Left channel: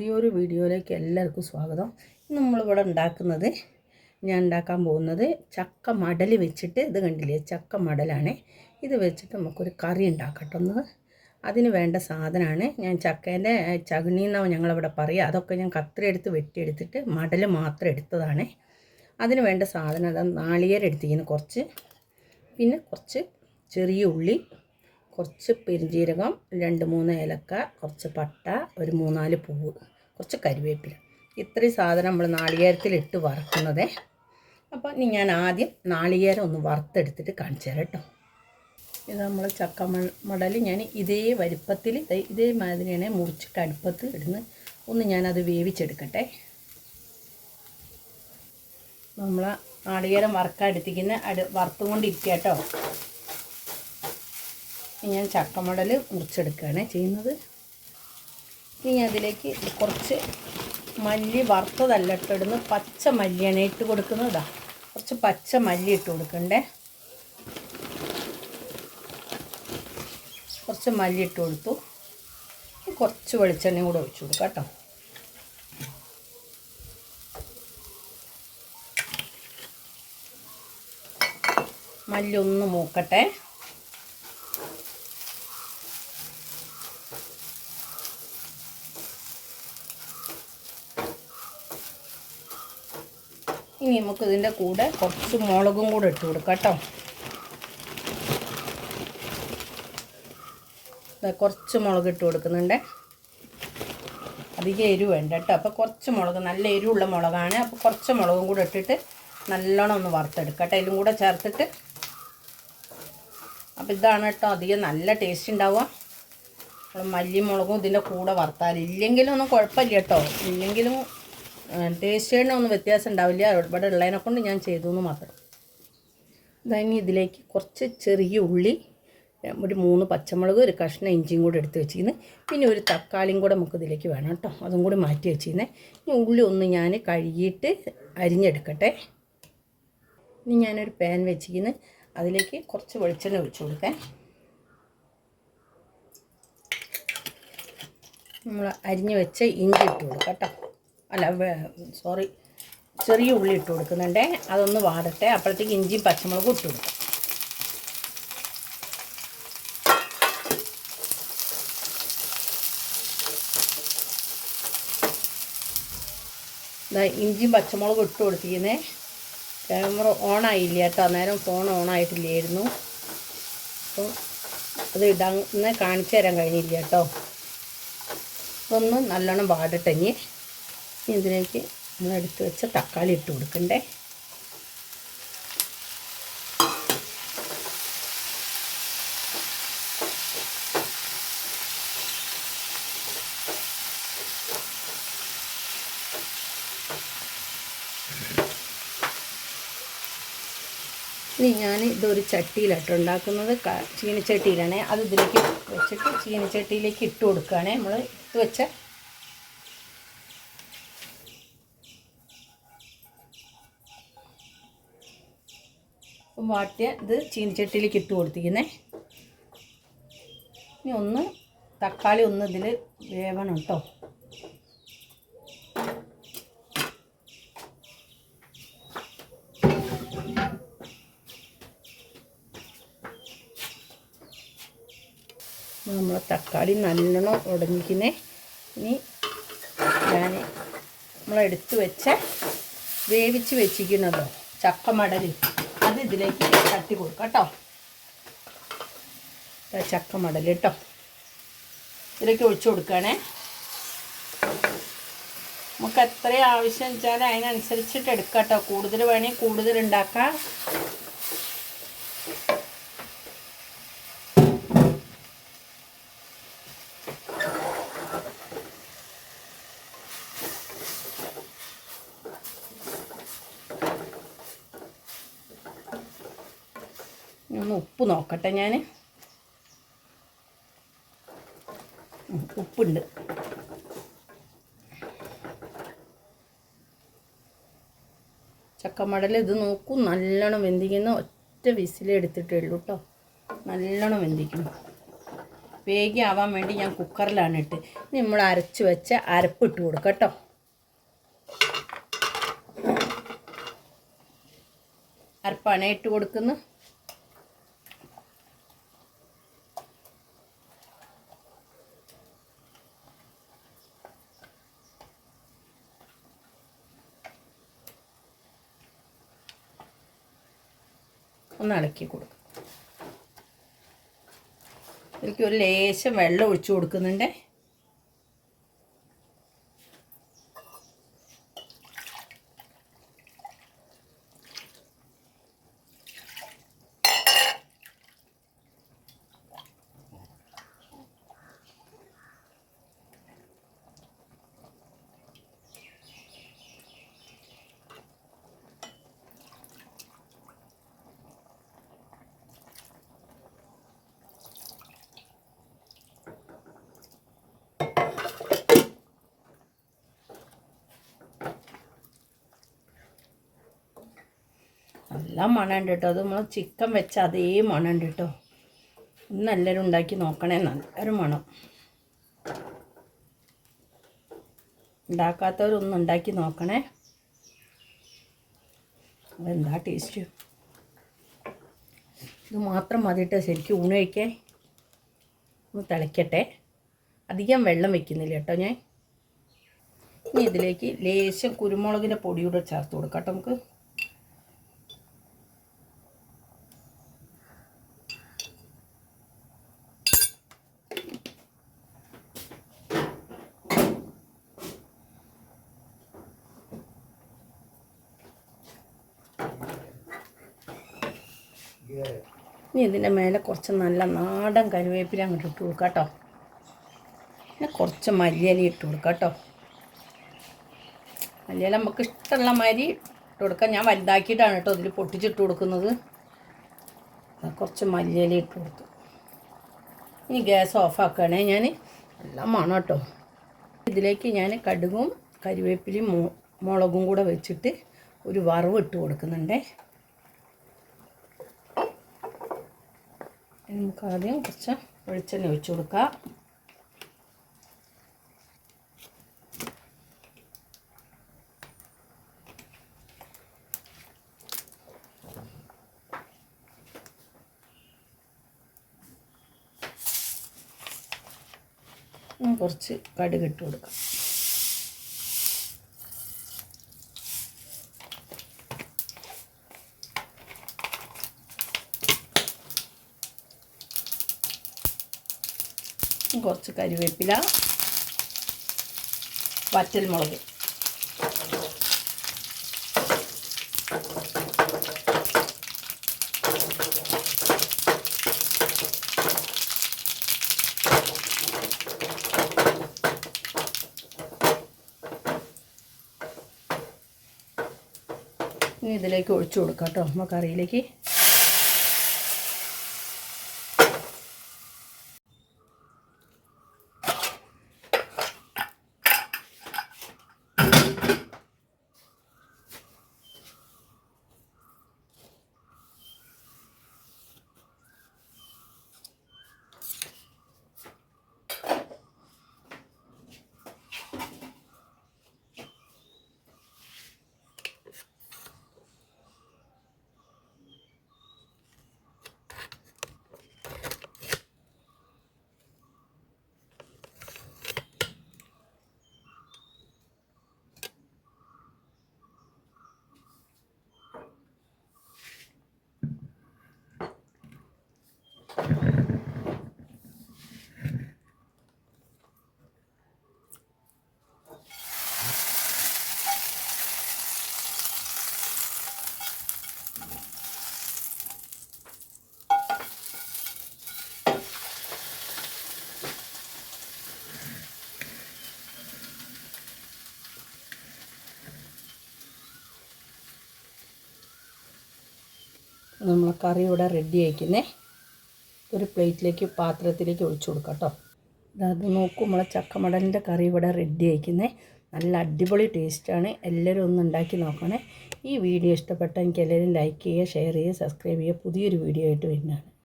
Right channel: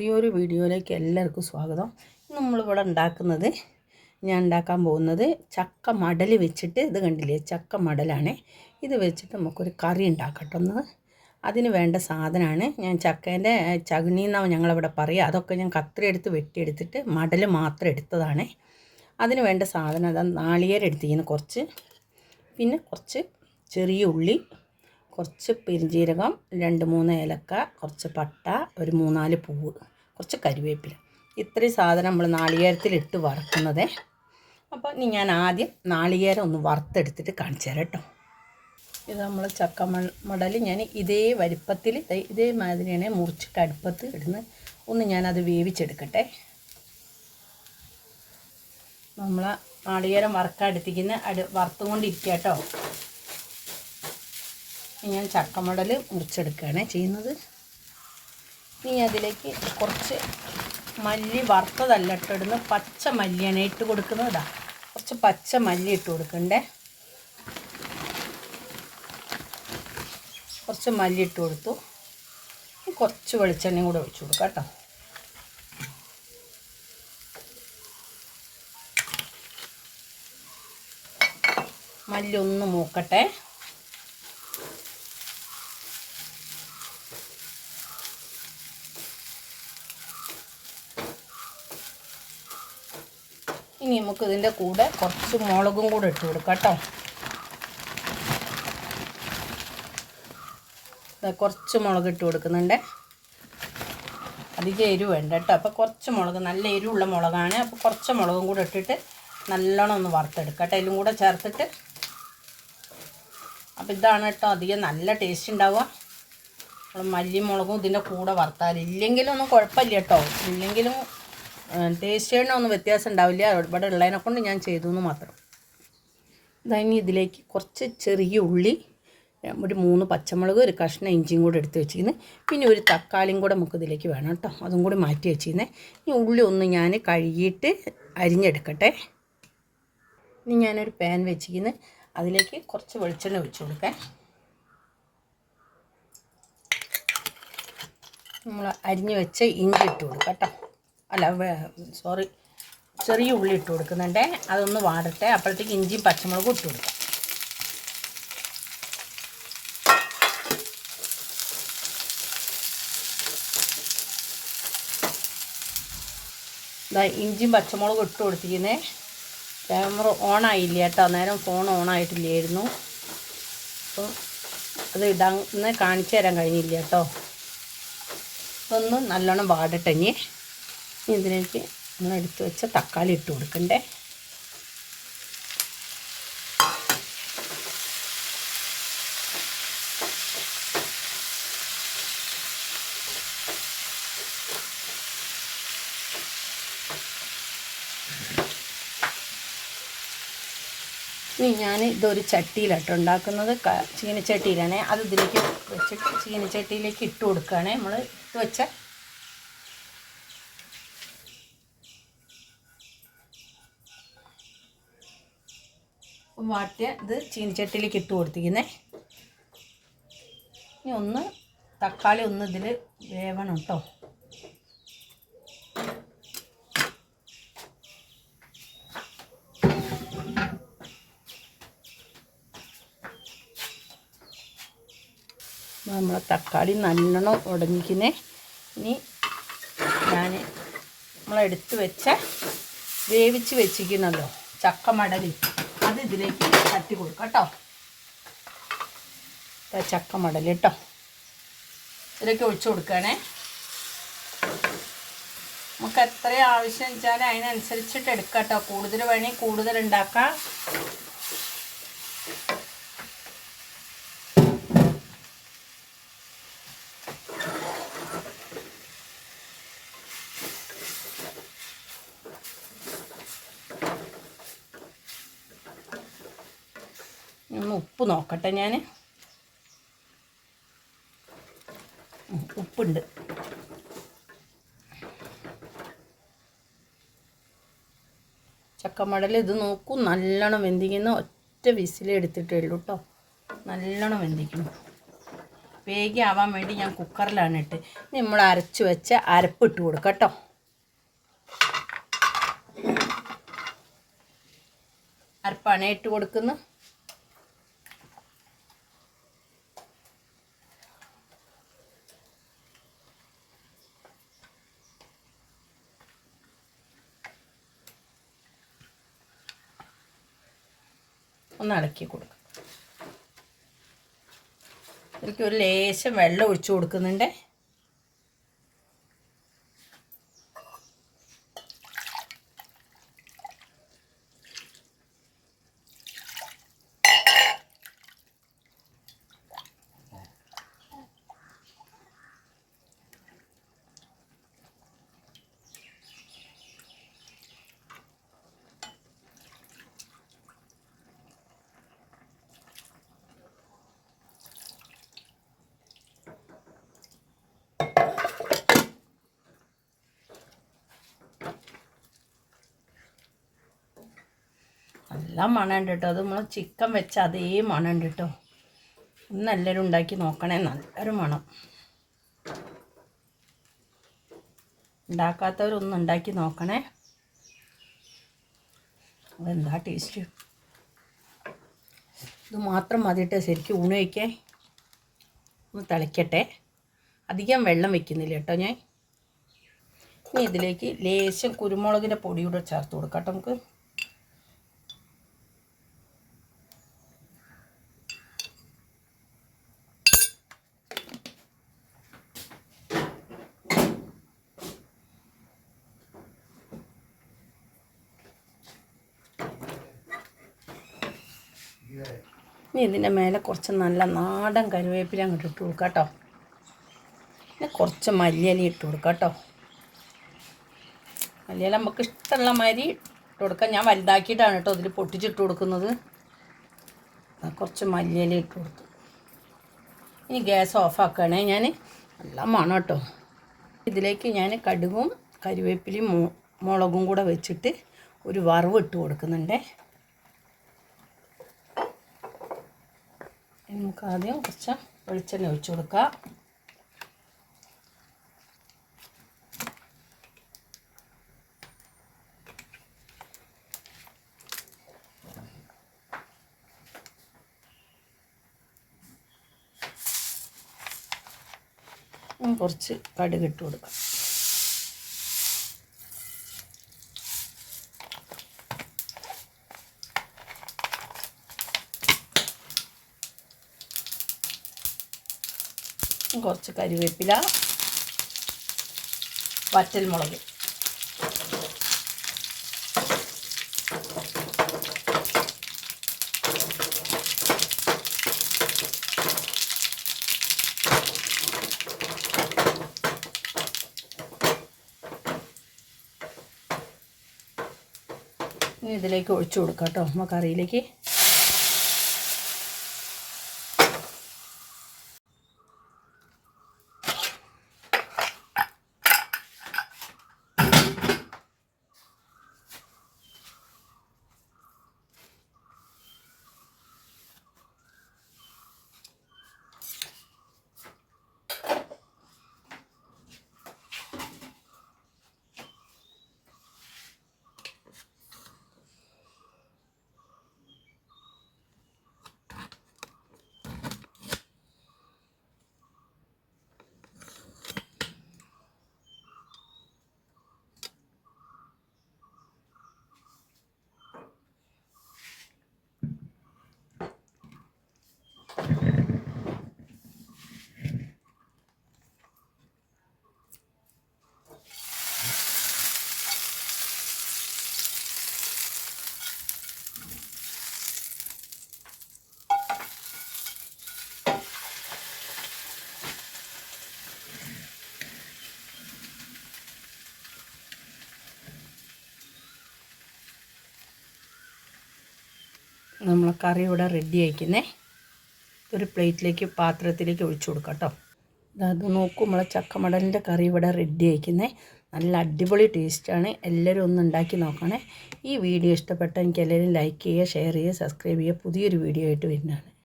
പുതിയൊരു വീഡിയോയിലേക്ക് എല്ലാവർക്കും സ്വാഗതം. ഇന്ന് നമ്മളിവിടെ ഉണ്ടാക്കുന്നത് ഞാൻ ഉണ്ടാക്കാൻ പോകുന്നത് ചക്ക മടൽ വെച്ചിട്ട് ഇത് കണ്ടില്ലേ? ചക്ക മടലാണ്. ഇത് വെച്ചിട്ട് നമുക്കൊരു കറി ഉണ്ടാക്കട്ടെ ഒന്ന്. അതിന് വേണ്ട സാധനമാണ്. ഞാൻ ചക്കേന്റെ ചകിണി എന്നാണ് ഞങ്ങളവിടെ പറയുക. അതൊക്കെ ഞാൻ കത്തിരി എടുത്ത് വെട്ടിയെടുത്തിട്ട് മടൽ മാത്രം എടുത്തതാണ്. അതിന് വേണ്ട സാധനം അതാ നാളികേരം എടുത്തിരിക്കുന്നു കുറച്ച്. പിന്നെ കുറച്ച് ചെറിയ ഉള്ളി കുറച്ച് പെരുംജീരകം രണ്ട് മൂന്ന് ഏലക്ക കുറച്ച് പട്ട ഒരു മൂന്നാൽ പൂവ്. കുറച്ച് കരുവേപ്പില. ഇത്രയും സാധനം നമ്മൾ നാളികേരത്തിലിട്ട് വറുക്കുന്നതേ. അപ്പോൾ ഇനി ഞാൻ ആദ്യം നാളികേരം ഒന്ന് വറുത്തെടുത്തിട്ട് കാണിച്ചു തരാം കേട്ടോ. ഇത് നമ്മൾ ചക്ക മടൽ ഞാൻ ഇതേ വലിപ്പത്തിൽ ഇതേ മാതിരിയാണ് മുറിച്ചിട്ട് അടുപ്പത്ത് ഇടുന്ന്. ഒന്ന് ഞാനത് വേവിച്ചെടുക്കട്ടെ. നമ്മൾ നാളികേരം വറുക്കാൻ എടുത്തിരിക്കുന്ന അടു വറുത്തുകൊണ്ടിരിക്കുക കേട്ടോ. ഞാൻ ചക്കമടൽ മുറിച്ചെടുക്കുകയാണ് ചെയ്യുന്നത്. ഇനി അതിലേക്ക് കുറച്ച് മല്ലി വറുത്തതല്ല ഇട്ടിടുന്നു പച്ച മല്ലിയാണ് ഇട്ട് കൊടുക്കുന്നതാ കുറച്ച് പച്ച മല്ലി ഇട്ട് കൊടുക്കണ്ടേ. കുറച്ച് മല്ലി ഇട്ട് കൊടുത്തു. കുറച്ച് വെളിച്ചെണ്ണയും കൂടെ ഒഴിച്ചു കൊടുക്കാം കേട്ടോ മല്ലി ഒന്ന് മൂക്കട്ടെ. ഇനി നമുക്ക് ഇതിന്റെ കൂടെ കുറച്ച് മുളകും കൂടെ ഇട്ട് കൊടുക്കാം കേട്ടോ. കുറച്ച് മുളക് ഇട്ട് കൊടുക്കുന്നുണ്ട്. അധികം എരിവ് വേണ്ട കേട്ടോ. അപ്പോൾ കുറച്ച് മുളക് നല്ല എരിവുള്ള മുളകാണ്. അപ്പോൾ കുറച്ച് മുളകും കൂടെ ഇട്ടിട്ട് നല്ലോണം ഒന്ന് വറുത്തെടുക്കാം കേട്ടോ. ഇതിലും കൂടെ ചേർത്തിട്ട്. അപ്പോൾ ഇതാണ് കേട്ടോ അധികം നല്ല ടേസ്റ്റ് ഉണ്ടാവുക. മല്ലി മുളകും ഇതിന്റെ കൂടെ വറുത്താൽ ഇല്ലെങ്കിലൊന്നും കുഴപ്പമില്ല കേട്ടോ. ഇല്ലെങ്കിലും ടേസ്റ്റ് ഒന്നും വ്യത്യാസം ഉണ്ടാവില്ല. ഇവിടെ ഉള്ളതിനെ കൊണ്ട് ഞാൻ ചെയ്തു എന്ന് മാത്രം ഇനി ഇതിലേക്ക് കുറച്ച് ചെറിയ ഉള്ളി ഒരു മൂന്ന് പച്ചമുളക് ഒരു കഷ്ണം ഇഞ്ചിയും കൂടെ എടുത്ത് വെച്ചിരുന്നു പിന്നെ ഒരു തക്കാളിയും കൂടെ നമുക്ക് ഇതിലേക്ക് വേണം കേട്ടോ അതും കൂടി മാറ്റി വെച്ചിരുന്നേ ഈ ഉള്ളി ഒന്ന് ഞാൻ കഴുകിയിട്ട് അരിഞ്ഞെടുക്കട്ടെ. ഇനി ഞാനൊരു പാൻ വെച്ചിരുന്ന് അതിലേക്ക് കുറച്ച് വെളിച്ചെണ്ണ ഒഴിച്ചു കൊടുക്കാൻ നമ്മൾ അരിഞ്ഞു വെച്ച ഇഞ്ചി ഇട്ട് കൊടുക്കാം കേട്ടോ അല്ല സോറി ചെറിയ ഉള്ളി ഇട്ട് കൊടുക്കുന്നുണ്ട്. അതൊന്ന് വാടട്ടെ. അപ്പോഴത്തേക്ക് ഇഞ്ചിയും പച്ചമുളകും ഇട്ട് കൊടുക്കും. ഇഞ്ചിയും പച്ചമുളകും ഇട്ട് കൊടുത്തിരിക്കുന്നേ. ക്യാമറ ഓണായില്ല കേട്ടോ? അന്നേരം ഫോൺ ഓൺ ആയിട്ടില്ലായിരുന്നു. അപ്പോൾ അത് ഇടാൻ കാണിച്ചു തരാൻ കഴിഞ്ഞില്ല കേട്ടോ. ഒന്ന് നല്ലോണം വാടട്ടെ ഇനി. ഇതിലേക്ക് നമ്മൾ എടുത്ത് വെച്ച തക്കാളി ഇട്ട് കൊടുക്കണ്ടേ? ഇനി ഞാൻ ഇതൊരു ചട്ടിയിലാട്ടോ ഉണ്ടാക്കുന്നത്. ചീനച്ചട്ടിയിലാണേ. അത് ഇതിലേക്ക് വെച്ചിട്ട് ചീനച്ചട്ടിയിലേക്ക് ഇട്ട് കൊടുക്കുകയാണേ. നമ്മൾ വെച്ച വാട്ടിയ ഇത് ചീനിച്ചട്ടിയിലേക്ക് ഇട്ട് കൊടുത്തിരിക്കുന്നേ. ഇനി ഒന്ന് തക്കാളി ഒന്ന് ഇതിൽ വേവണം കേട്ടോ നമ്മൾ തക്കാളി നല്ലോണം ഉടഞ്ഞിക്കുന്നേ ഇനി ഞാൻ നമ്മളെടുത്ത് വെച്ച് വേവിച്ച് വെച്ചിരിക്കുന്നുണ്ടോ? ചക്കമടൽ ഇതിലേക്ക് തട്ടി കൊടുക്കാം കേട്ടോ. ചക്ക മടൽ കേട്ടോ. ഇതിലേക്ക് ഒഴിച്ചു കൊടുക്കണേ. നമുക്ക് എത്ര ആവശ്യം വെച്ചാൽ അതിനനുസരിച്ചിട്ട് എടുക്കാം കേട്ടോ. കൂടുതൽ വേണമെങ്കിൽ കൂടുതൽ ഉണ്ടാക്കാം ഒന്ന് ഉപ്പ് നോക്കട്ടെ ഞാൻ ഉപ്പുണ്ട്. ചക്കമടൽ ഇത് നോക്കൂ നല്ലോണം വെന്തിക്കുന്ന ഒറ്റ വിസിലെടുത്തിട്ടേ ഉള്ളൂ കേട്ടോ നല്ലോണം വെന്തിക്കണം വേഗം ആവാൻ വേണ്ടി ഞാൻ കുക്കറിലാണ് ഇട്ട്. നമ്മൾ അരച്ച് വെച്ച അരപ്പിട്ട് കൊടുക്കാം കേട്ടോ അരപ്പാണ് ഇട്ട് കൊടുക്കുന്നത് ഒന്ന് അടക്കി കൊടുക്കും. ഇതിലേക്ക് ഒരു ലേശം വെള്ളം ഒഴിച്ചു കൊടുക്കുന്നുണ്ട്. നല്ല മണമുണ്ട് കേട്ടോ അത് നമ്മൾ ചിക്കൻ വെച്ച അതേ മണമുണ്ട് കേട്ടോ ഒന്ന് എല്ലാവരും ഉണ്ടാക്കി നോക്കണേ. നല്ലൊരു മണം. ഉണ്ടാക്കാത്തവരൊന്നും ഉണ്ടാക്കി നോക്കണേ. അതെന്താ ടേസ്റ്റ് ഇത് മാത്രം മതിയിട്ട് ശരിക്കും ഊണ് വയ്ക്കേ ഒന്ന് തിളയ്ക്കട്ടെ അധികം വെള്ളം വെക്കുന്നില്ല കേട്ടോ ഞാൻ. ഇനി ഇതിലേക്ക് ലേശം കുരുമുളകിന്റെ പൊടിയൂടെ ചേർത്ത് കൊടുക്കാം കേട്ടോ നമുക്ക്. ഇനി ഇതിന്റെ മേലെ കുറച്ച് നല്ല നാടൻ കരുവേപ്പില അങ്ങോട്ട് ഇട്ട് കൊടുക്കുക കേട്ടോ. പിന്നെ കുറച്ച് മല്ലിയില ഇട്ട് കൊടുക്കുക കേട്ടോ. മല്ലിയില നമുക്ക് ഇഷ്ടമുള്ള മാതിരി ഇട്ട് കൊടുക്കാം. ഞാൻ വലുതാക്കിയിട്ടാണ് കേട്ടോ അതിൽ പൊട്ടിച്ചിട്ട് കൊടുക്കുന്നത്. കുറച്ച് മല്ലിയില ഇട്ട് കൊടുത്തു. ഇനി ഗ്യാസ് ഓഫാക്കുകയാണേ ഞാൻ എല്ലാം മണം കേട്ടോ. ഇതിലേക്ക് ഞാൻ കടുകും കരിവേപ്പിലയും മുളകും കൂടെ വെച്ചിട്ട് ഒരു വറവ് ഇട്ട് കൊടുക്കുന്നുണ്ടേ. നമുക്ക് ആദ്യം കുറച്ച് വെളിച്ചെണ്ണ ഒഴിച്ചു കൊടുക്കാം. കുറച്ച് കടുക് ഇട്ട് കൊടുക്കാം. ഇനി കുറച്ച് കരിവേപ്പില വറ്റൽമുളക്. ഇനി ഇതിലേക്ക് ഒഴിച്ചു കൊടുക്കാം കേട്ടോ. നമുക്ക് കറിയിലേക്ക് നമ്മൾ കറി ഇവിടെ റെഡി ആയിക്കുന്നേ. ഒരു പ്ലേറ്റിലേക്ക് പാത്രത്തിലേക്ക് ഒഴിച്ചു കൊടുക്കാം കേട്ടോ അത് നോക്കും നമ്മളെ ചക്കമടലിന്റെ കറി ഇവിടെ റെഡി ആയിക്കുന്നേ. നല്ല അടിപൊളി ടേസ്റ്റാണ് എല്ലാവരും ഒന്ന് ഉണ്ടാക്കി നോക്കണേ. ഈ വീഡിയോ ഇഷ്ടപ്പെട്ട എനിക്ക് എല്ലാവരും ലൈക്ക് ചെയ്യുക ഷെയർ ചെയ്യുക സബ്സ്ക്രൈബ് ചെയ്യുക. പുതിയൊരു വീഡിയോ ആയിട്ട് വരുന്നതാണ്.